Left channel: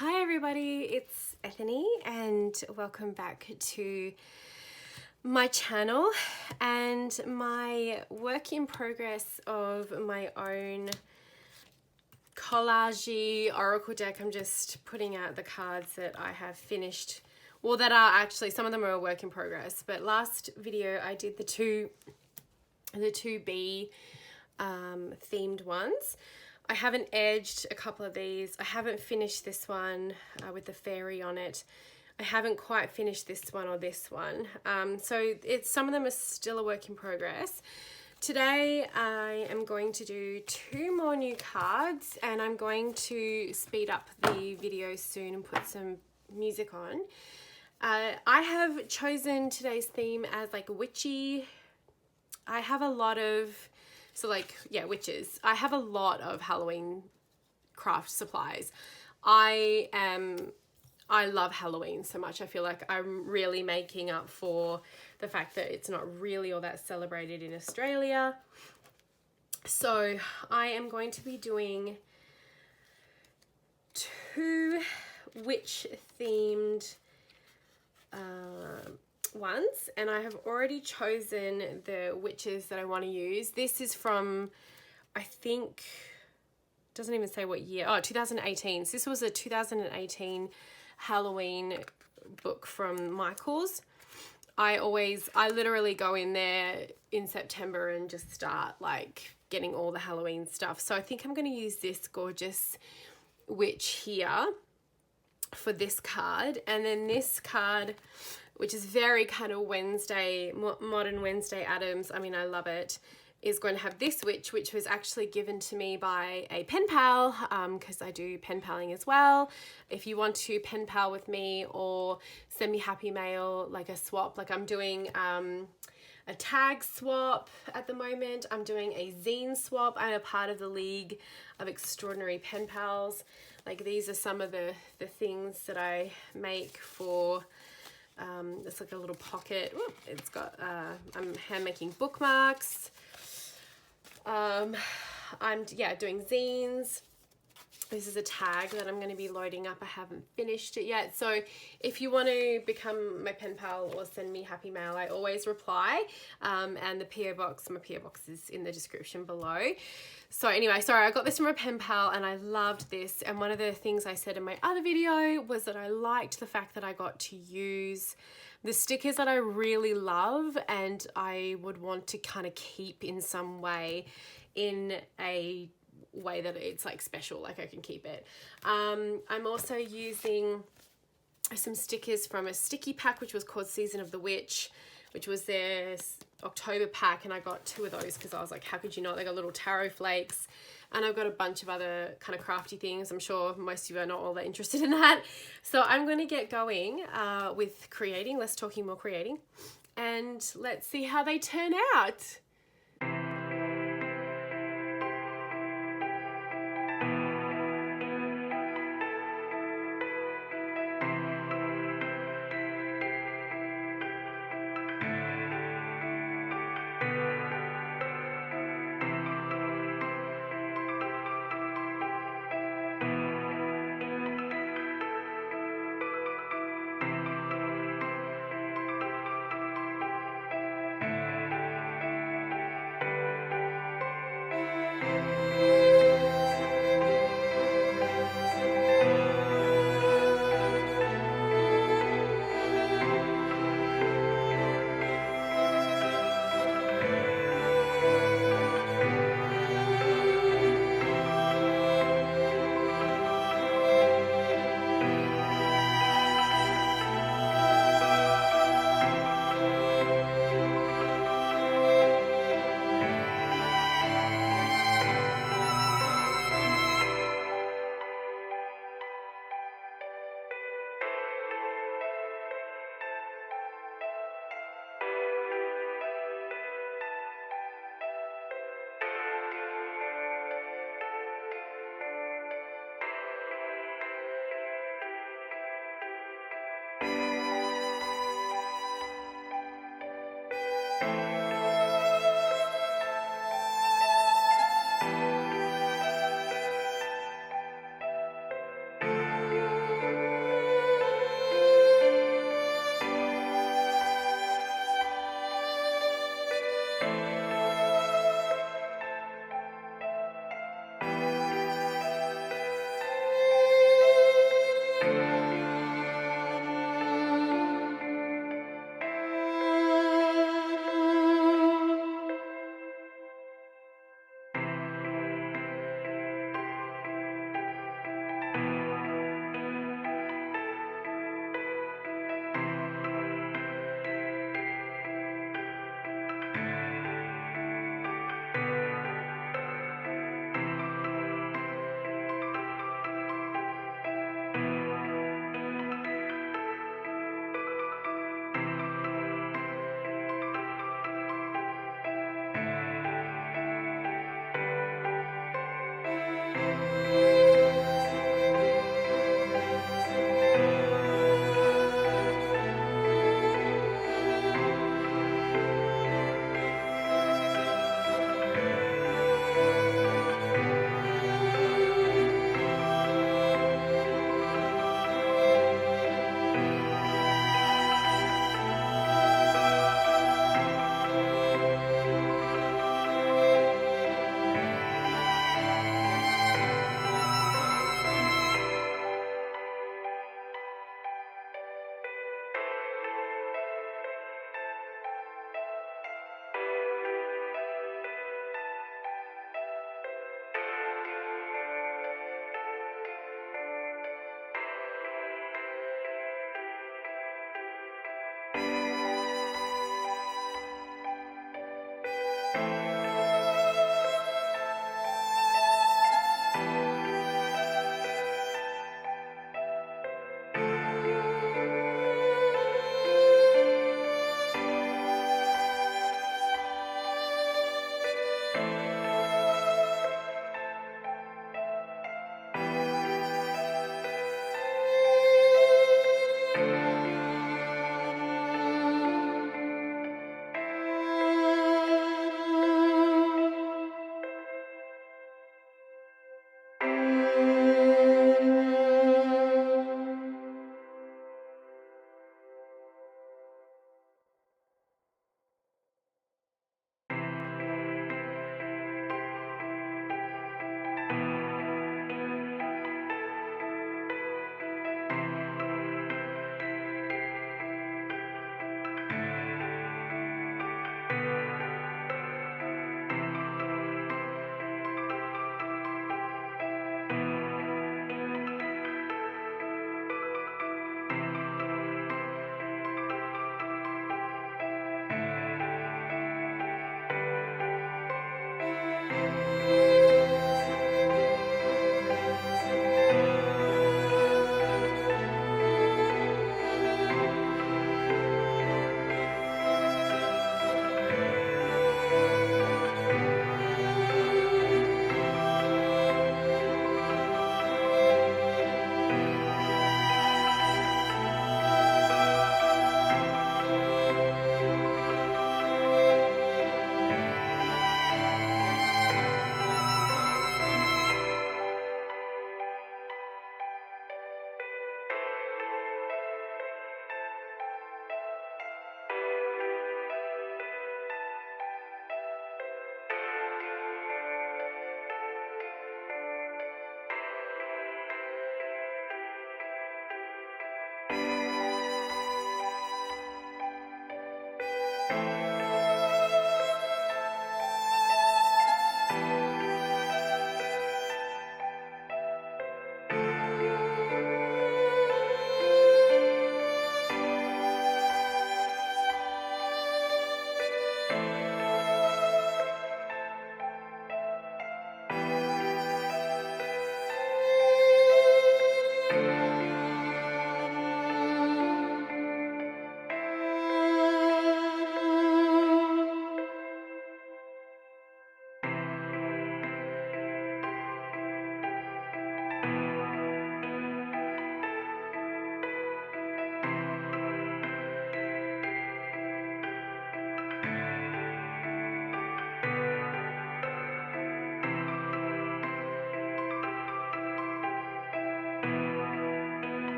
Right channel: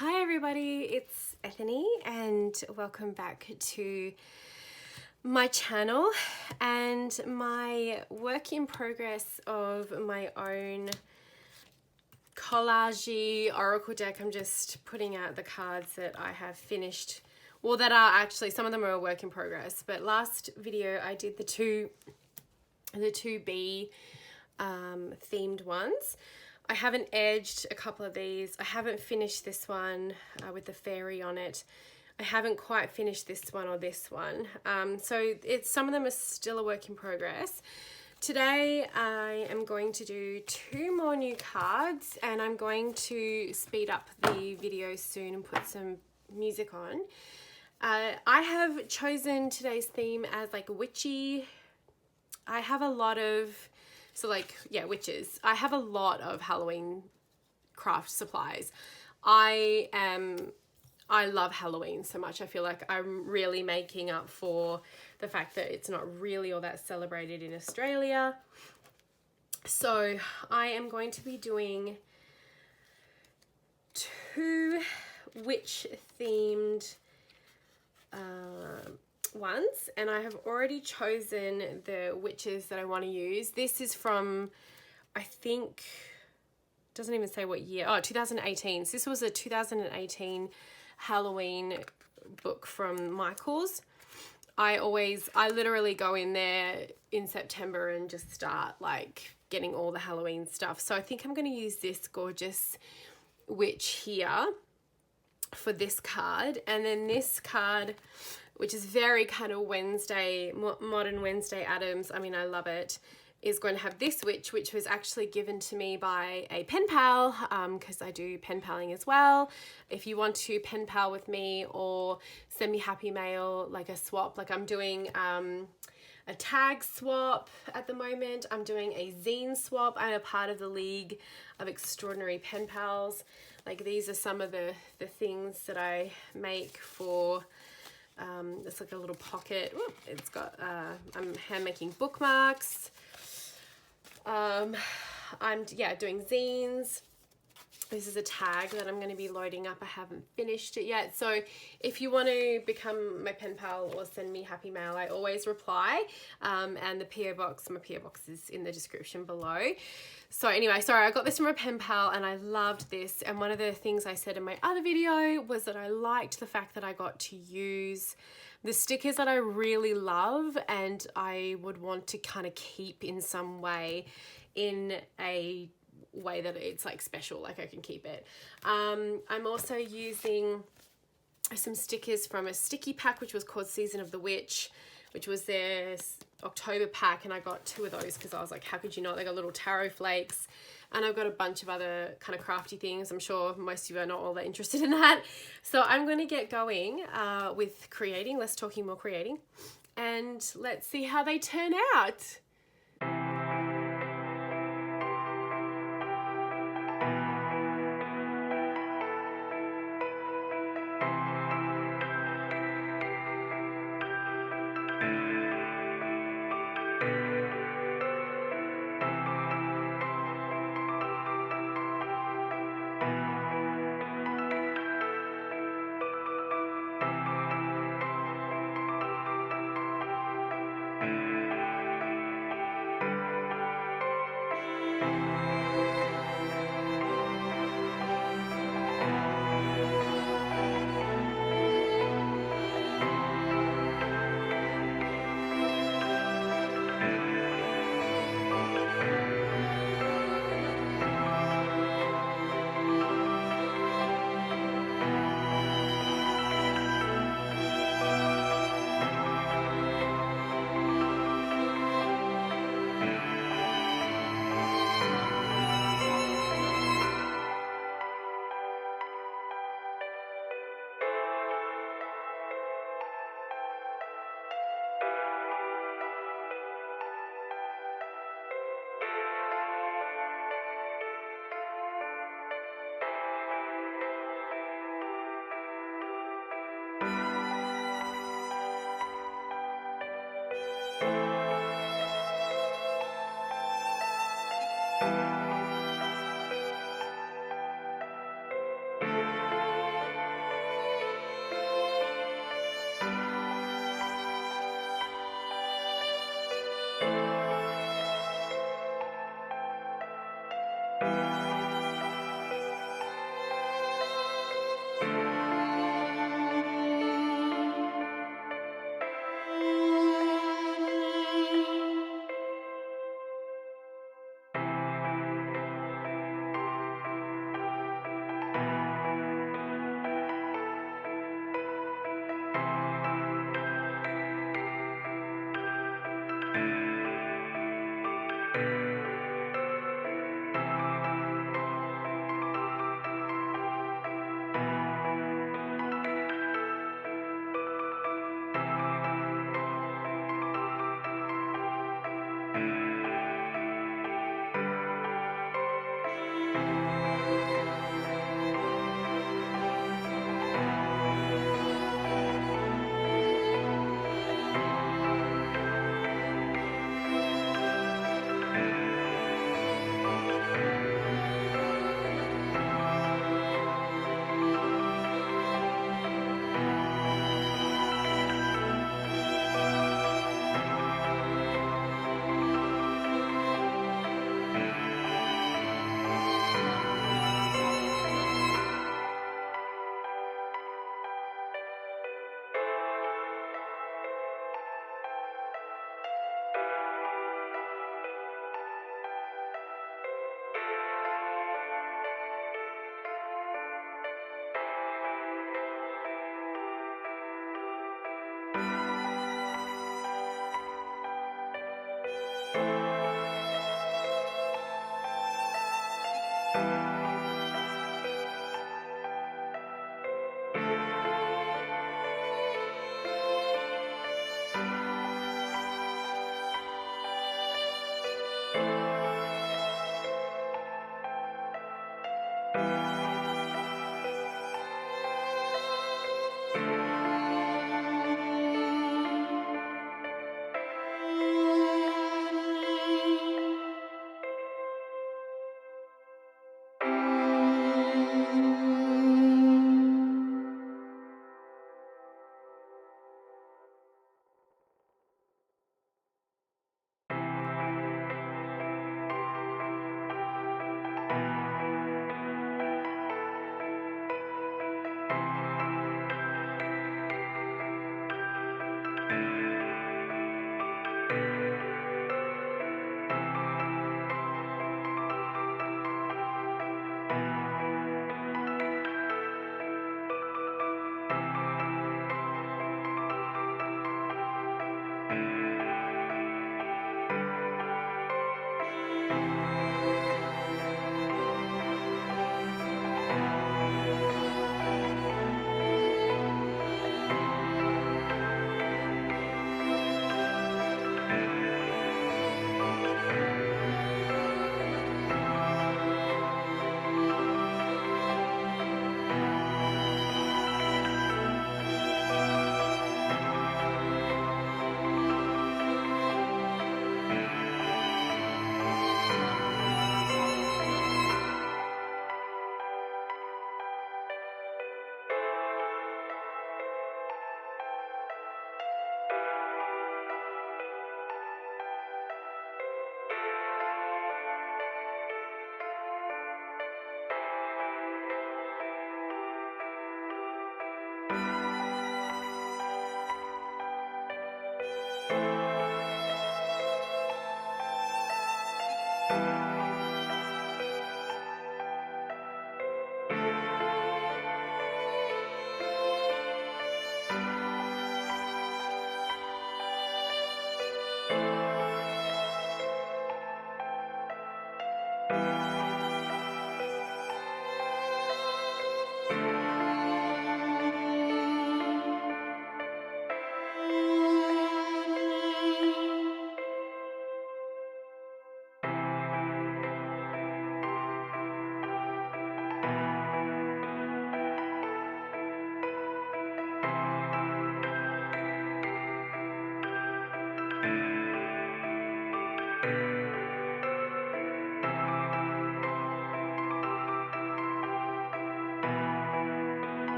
Hi everybody, it's Ethony and welcome back to my channel and my work in progress of my own collage oracle deck. I'm just putting out the cards that I have finished, well, that are actually, some of them are a work in progress, but last video I did the two bee themed ones. I haven't edged a couple of these. I haven't finished this one with the fairy on it. I haven't quite finished this one or this one. So some of them are still a work in progress. Today I am going to do two more new cards and I'm going to speed up the video soon and put some music on. I have chosen today's theme as like witchy. I have a lot of witches. I have a lot of Halloween craft supplies. I love Halloween so much. I feel like I'm really making up for the fact that it's not really all that celebrated in Australia. So I am going to be doing two witch themed ones, and I have already chosen the witches that I want to use. This is from, I think, doesn't even say what year. Oh, 2018. So this was a 2018 Halloween book from Michael's. I literally go in there in September and just start like getting all the Halloween stuff. So I think I'm going to use this gorgeous witch here for this card, and then this card, which is very kind of Wednesday, modern Wednesday Addams. I mean, I love it, is going to have this witch, which was actually given to me by a pen pal, because I do pen paling as well. If you want to pen pal with me or send me happy mail, like a swap, like I'm doing a tag swap at the moment. I'm doing a zine swap. I'm a part of the League of Extraordinary Pen Pals. Like, these are some of the things that I make for... it's like a little pocket. Ooh, it's got, I'm hand making bookmarks. I'm doing zines. This is a tag that I'm going to be loading up. I haven't finished it yet. So if you want to become my pen pal or send me happy mail, I always reply. And the PO box, my PO box is in the description below. So anyway, sorry, I got this from a pen pal and I loved this. And one of the things I said in my other video was that I liked the fact that I got to use the stickers that I really love and I would want to kind of keep in some way, in a way that it's like special, like I can keep it. I'm also using some stickers from a sticky pack which was called Season of the Witch, which was their October pack, and I got two of those because I was like, how could you not? They got little taro flakes, and I've got a bunch of other kind of crafty things. I'm sure most of you are not all that interested in that. So I'm going to get going with creating, less talking, more creating, and let's see how they turn out.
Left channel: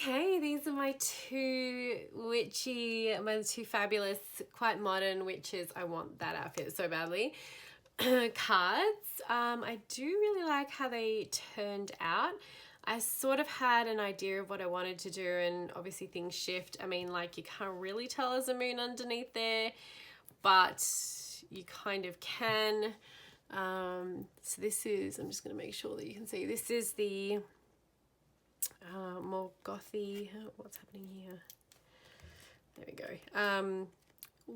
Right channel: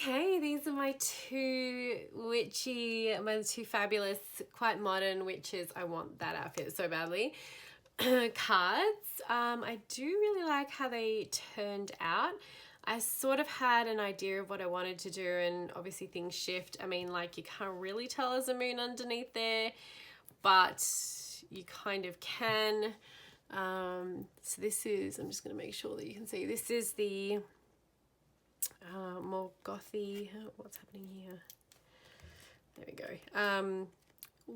Okay, these are my two fabulous, quite modern witches. I want that outfit so badly. Cards. I do really like how they turned out. I sort of had an idea of what I wanted to do, and obviously things shift. I mean, like, you can't really tell there's a moon underneath there, but you kind of can. So this is, I'm just going to make sure that you can see, this is the more gothy, what's happening here? There we go.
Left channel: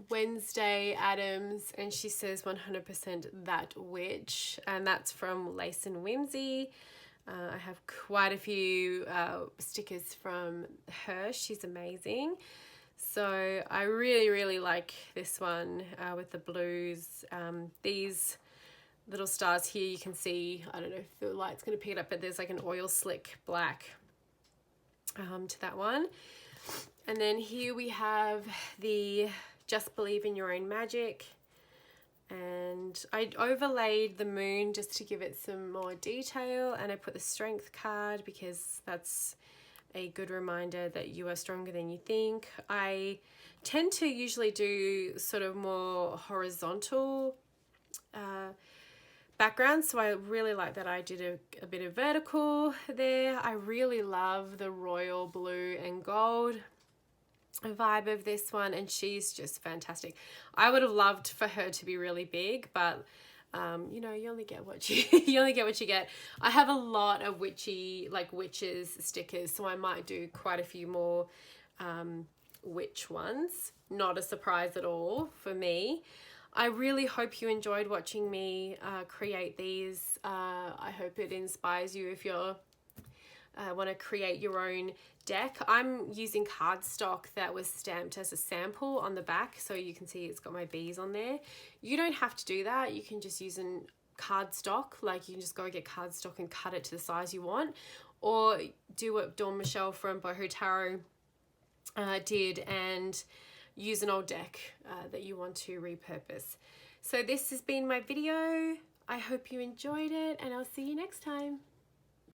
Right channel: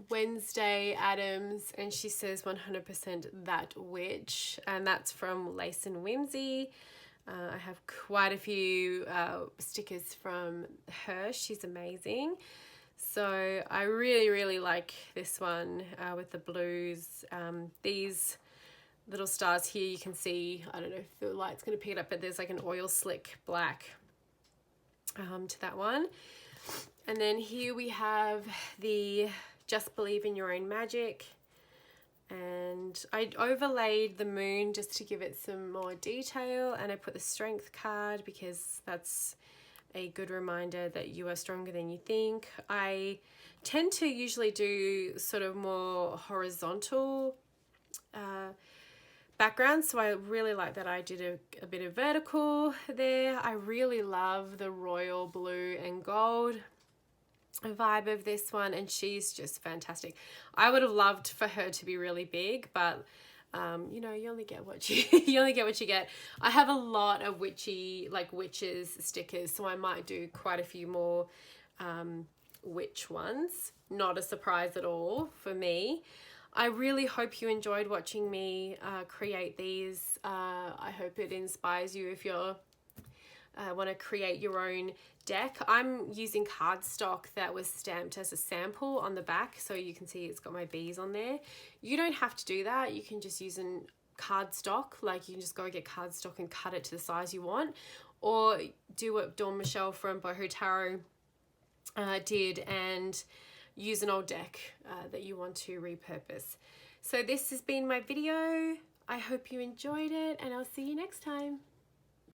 Wednesday Adams, and she says 100% that witch, and that's from Lace and Whimsy. I have quite a few stickers from her. She's amazing. So I really like this one with the blues. These little stars here, you can see, I don't know if the light's going to pick it up, but there's like an oil slick black to that one. And then here we have the Just Believe in Your Own Magic, and I overlaid the moon just to give it some more detail, and I put the Strength card because that's a good reminder that you are stronger than you think. I tend to usually do sort of more horizontal background, so I really like that I did a bit of vertical there. I really love the royal blue and gold vibe of this one, and she's just fantastic. I would have loved for her to be really big, but you know, you only get what you you only get what you get. I have a lot of witches stickers, so I might do quite a few more witch ones. Not a surprise at all for me. I really hope you enjoyed watching me create these. I hope it inspires you if you're want to create your own deck. I'm using cardstock that was stamped as a sample on the back, so you can see it's got my bees on there. You don't have to do that. You can just use cardstock, like you can just go get cardstock and cut it to the size you want, or do what Dawn Michelle from Boho Tarot did and use an old deck that you want to repurpose. So this has been my video. I hope you enjoyed it, and I'll see you next time.